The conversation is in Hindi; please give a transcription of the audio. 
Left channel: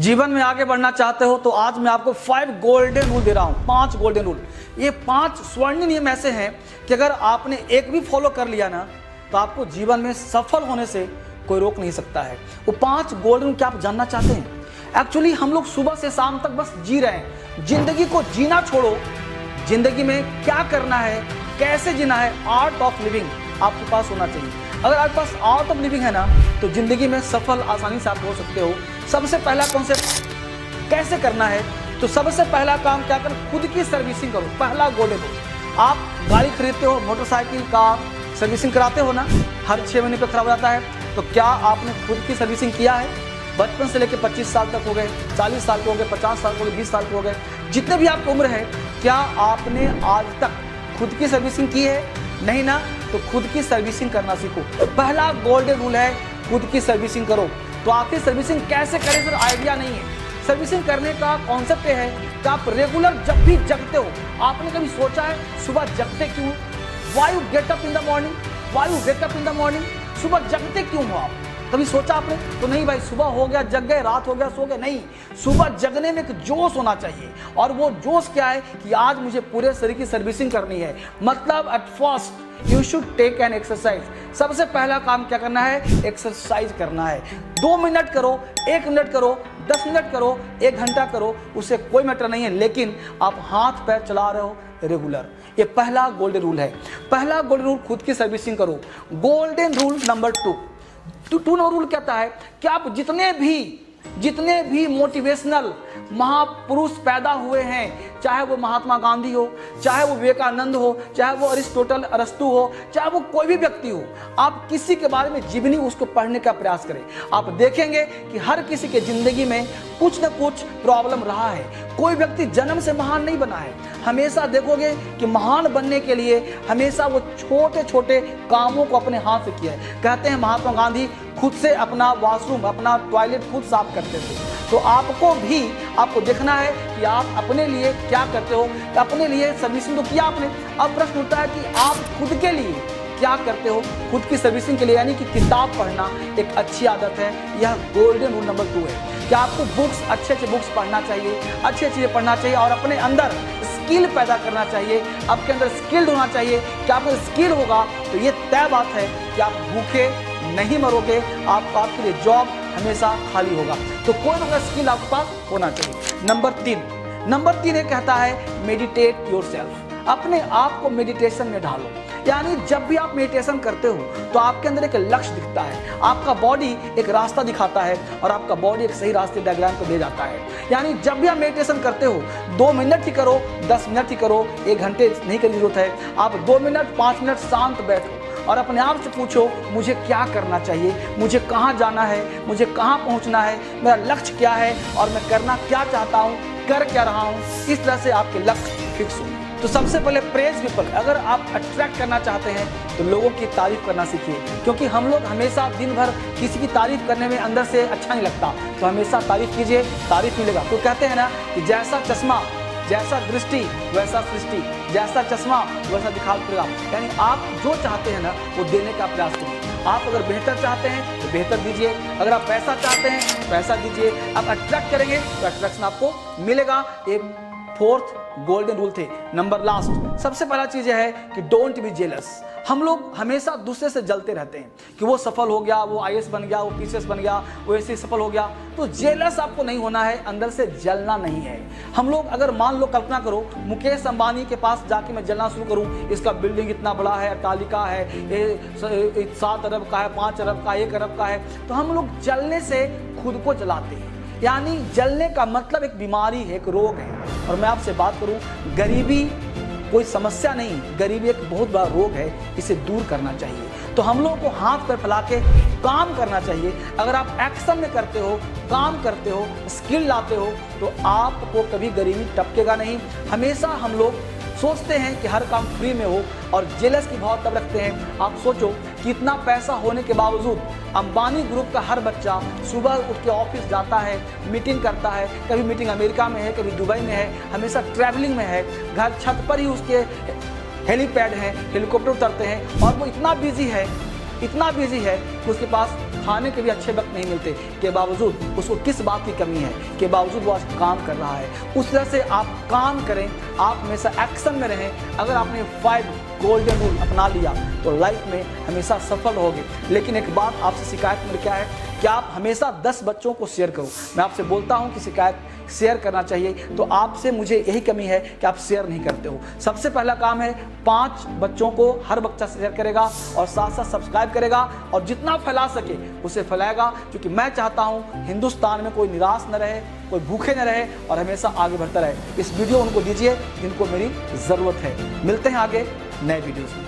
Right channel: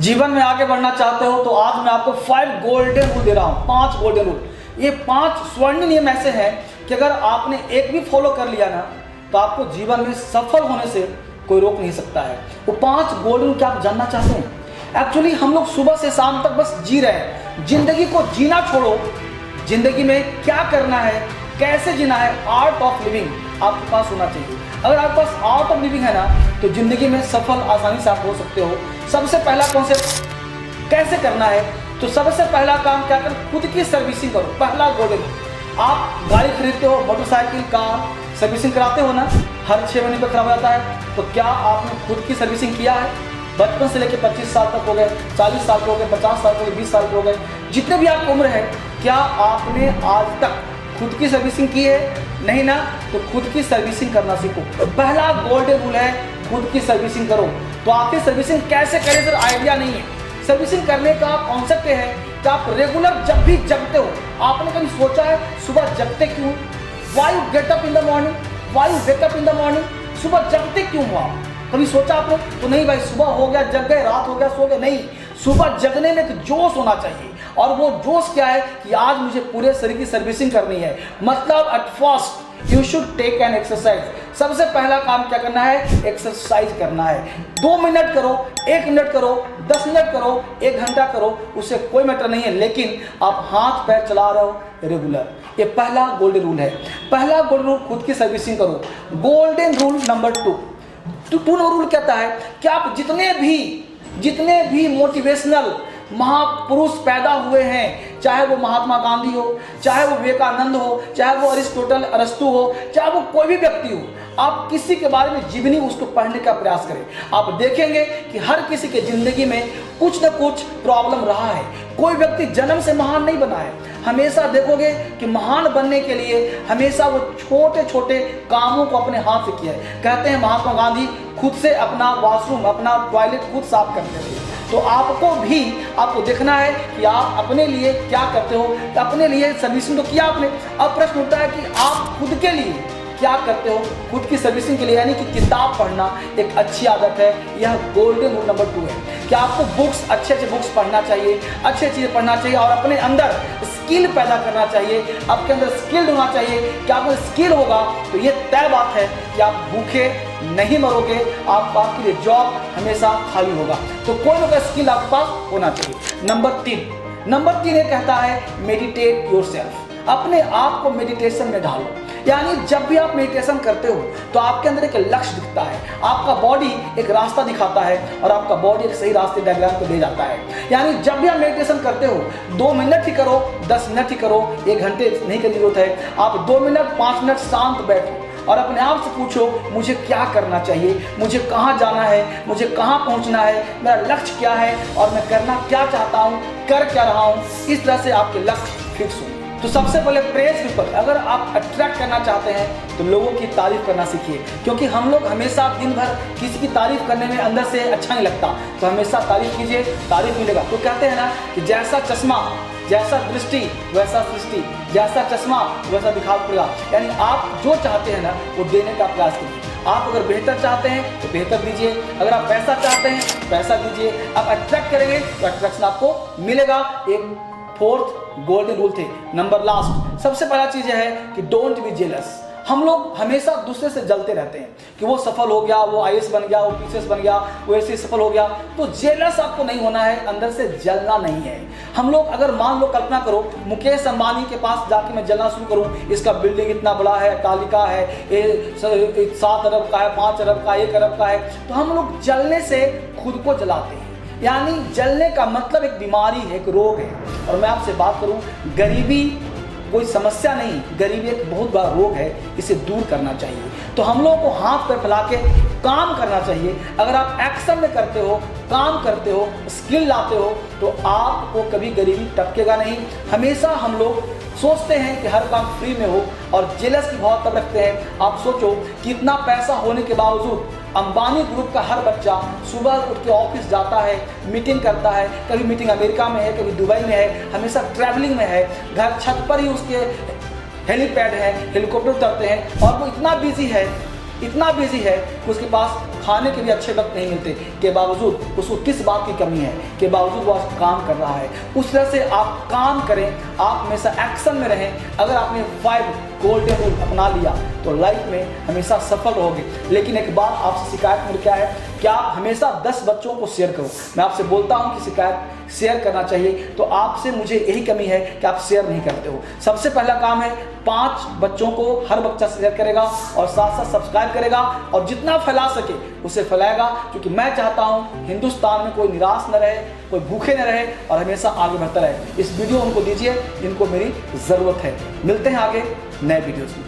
जीवन में आगे बढ़ना चाहते हो तो आज मैं आपको 5 गोल्डन रूल दे रहा हूं। 5 गोल्डन रूल। ये 5 स्वर्ण नियम ऐसे हैं कि अगर आपने एक भी फॉलो कर लिया ना तो आपको जीवन में सफल होने से कोई रोक नहीं सकता है। वो 5 गोल्डन रूल क्या आप जानना चाहते हैं? एक्चुअली हम लोग सुबह से शाम तक बस जी रहे हैं। जिंदगी को जीना छोड़ो, जिंदगी में क्या करना है, कैसे जीना है, आर्ट ऑफ लिविंग आपके पास होना चाहिए। अगर आपके पास आर्ट ऑफ लिविंग है ना तो जिंदगी में सफल आसानी से आप हो सकते हो। सबसे पहला कॉन्सेप्ट कैसे करना है, तो सबसे पहला काम क्या कर, खुद की सर्विसिंग करो। पहला गोल्डन, आप गाड़ी खरीदते हो, मोटरसाइकिल, कार, सर्विसिंग कराते हो ना, हर 6 महीने पे खराब हो जाता है। तो क्या आपने खुद की सर्विसिंग किया है? बचपन से लेकर 25 साल तक हो गए, 40 साल के हो गए, 50 साल के हो गए, 20 साल के हो गए, जितने भी आपकी उम्र है, क्या आपने आज तक खुद की सर्विसिंग की है? नहीं ना, तो खुद की सर्विसिंग करना सीखो। तो पहला गोल्डन रूल है खुद की सर्विसिंग करो। तो आपकी सर्विसिंग कैसे करें सर, आइडिया नहीं है। सर्विसिंग करने का कॉन्सेप्ट है कि आप रेगुलर जब भी जगते हो, आपने कभी सोचा है सुबह जगते क्यों? Why you get up in the morning? Why you get up in the morning? सुबह जगते क्यों हो आप? कभी सोचा आपने? तो नहीं भाई, सुबह हो गया जग गए, रात हो गया सो गए। नहीं, सुबह जगने में एक जोश होना चाहिए। और वो जोश क्या है कि आज मुझे पूरे शरीर की सर्विसिंग करनी है। मतलब at first you should take an exercise. सबसे पहला काम क्या करना है? एक्सरसाइज करना है। 2 मिनट करो, 1 मिनट करो, 10 मिनट करो, 1 घंटा करो, उससे कोई मैटर नहीं है, लेकिन आप हाथ पैर चला रहे हो रेगुलर। ये पहला गोल्डन रूल है। पहला गोल्डन रूल, खुद की सर्विसिंग करो। Golden rule number 2 number rule कहता है कि आप जितने भी मोटिवेशनल महापुरुष पैदा हुए हैं, चाहे वो महात्मा गांधी हो, चाहे वो विवेकानंद हो, चाहे वो अरिस्टोटल अरस्तु हो, चाहे वो कोई भी व्यक्ति हो, आप किसी के बारे में जीवनी उसको पढ़ने का प्रयास करें। आप देखेंगे कि हर किसी के जिंदगी में कुछ न कुछ प्रॉब्लम रहा है। कोई व्यक्ति जन्म से महान नहीं बना है। हमेशा देखोगे कि महान बनने के लिए हमेशा वो छोटे छोटे कामों को अपने हाथ से किया है। कहते हैं महात्मा गांधी खुद से अपना वॉशरूम, अपना टॉयलेट खुद साफ करते थे। तो आपको देखना है कि आप अपने लिए क्या करते हो। अपने लिए सर्विसिंग तो किया आपने, अब प्रश्न उठता है कि आप खुद के लिए क्या करते हो खुद की सर्विसिंग के लिए। यानी कि किताब पढ़ना एक अच्छी आदत है। यह गोल्डन रूल नंबर 2 है कि आपको बुक्स, अच्छे बुक्स पढ़ना चाहिए, अच्छे चीजें पढ़ना चाहिए और अपने अंदर स्किल पैदा करना चाहिए। आपके अंदर स्किल्ड होना चाहिए। कि आपको स्किल होगा तो ये तय बात है कि आप भूखे नहीं मरोगे, आपके लिए जॉब हमेशा खाली होगा। तो कोई ना कोई स्किल आपके पास होना चाहिए। नंबर 3 ये कहता है मेडिटेट योरसेल्फ। अपने आप को मेडिटेशन में डालो। यानी जब भी आप मेडिटेशन करते हो तो आपके अंदर एक लक्ष्य दिखता है, आपका बॉडी एक रास्ता दिखाता है और आपका बॉडी एक सही रास्ते डायग्राम पे ले जाता है। यानी जब भी आप मेडिटेशन करते हो 2 मिनट ही करो, 10 मिनट ही करो, 1 घंटे नहीं करने की जरूरत है। आप 2 मिनट 5 मिनट शांत बैठो और अपने आप से पूछो मुझे क्या करना चाहिए, मुझे कहाँ जाना है, मुझे कहाँ पहुँचना है, मेरा लक्ष्य क्या है और मैं करना क्या चाहता हूँ, कर क्या रहा हूँ। इस तरह से आपके लक्ष्य फिक्स हो। तो सबसे पहले प्रेज पीपल। अगर आप अट्रैक्ट करना चाहते हैं तो लोगों की तारीफ करना सीखिए, क्योंकि हम लोग हमेशा दिन भर किसी की तारीफ करने में अंदर से अच्छा नहीं लगता। तो हमेशा तारीफ कीजिए, तारीफ मिलेगा। तो कहते हैं ना कि जैसा चश्मा, जैसा दृष्टि वैसा सृष्टि, जैसा चश्मा वैसा दिखाई पड़ेगा। यानी आप जो चाहते हैं ना वो देने का प्रयास कीजिए। आप अगर बेहतर चाहते हैं तो बेहतर दीजिए, अगर आप पैसा चाहते हैं तो पैसा दीजिए। आप अट्रैक्ट करेंगे तो अट्रैक्शन आपको मिलेगा। एक 4th गोल्डन रूल थे। नंबर लास्ट, सबसे पहला चीज है कि डोंट बी जेलस। हम लोग हमेशा दूसरे से जलते रहते हैं कि वो सफल हो गया, वो IAS बन गया, वो PCS बन गया, वो ऐसे सफल हो गया। तो जेलस आपको नहीं होना है, अंदर से जलना नहीं है। हम लोग अगर मान लो, कल्पना करो मुकेश अंबानी के पास जाके मैं जलना शुरू करूं, इसका बिल्डिंग इतना बड़ा है, अट्टालिका है, 7 अरब का है, 5 अरब का, 1 अरब का है, तो हम लोग जलने से खुद को जलाते हैं। यानी जलने का मतलब एक बीमारी है, एक रोग है। और मैं आपसे बात करूं, गरीबी कोई समस्या नहीं, गरीबी एक बहुत बड़ा रोग है, इसे दूर करना चाहिए। तो हम लोगों को हाथ पर फैला के काम करना चाहिए। अगर आप एक्शन में करते हो, काम करते हो, स्किल लाते हो, तो आपको कभी गरीबी टपकेगा नहीं। हमेशा हम लोग सोचते हैं कि हर काम फ्री में हो और जेलस की भाव तब रखते हैं। आप सोचो कि इतना पैसा होने के बावजूद अंबानी ग्रुप का हर बच्चा सुबह उठ के ऑफिस जाता है, मीटिंग करता है, कभी मीटिंग अमेरिका में है, कभी दुबई में है, हमेशा ट्रैवलिंग में है, घर छत पर ही उसके हेलीपैड है, हेलीकॉप्टर उतरते हैं और वो इतना बिजी है कि उसके पास खाने के भी अच्छे वक्त नहीं मिलते के बावजूद उसको किस बात की कमी है, के बावजूद वो आज काम कर रहा है। उस तरह से आप काम करें, आप हमेशा एक्शन में रहें। अगर आपने 5 गोल्डन रूल अपना लिया तो लाइफ में हमेशा सफल रहोगे। लेकिन एक बात आपसे शिकायत मेरी क्या है कि आप हमेशा 10 बच्चों को शेयर करो। मैं आपसे बोलता हूं कि शिकायत शेयर करना चाहिए, तो आपसे मुझे यही कमी है कि आप शेयर नहीं करते हो। सबसे पहला काम है 5 बच्चों को हर बच्चा शेयर करेगा और साथ साथ सब्सक्राइब करेगा और जितना फैला सके उसे फैलाएगा, क्योंकि मैं चाहता हूं हिंदुस्तान में कोई निराश न रहे, कोई भूखे न रहे और हमेशा आगे बढ़ता रहे। इस वीडियो उनको दीजिए जिनको मेरी जरूरत है। मिलते हैं आगे नए वीडियो में।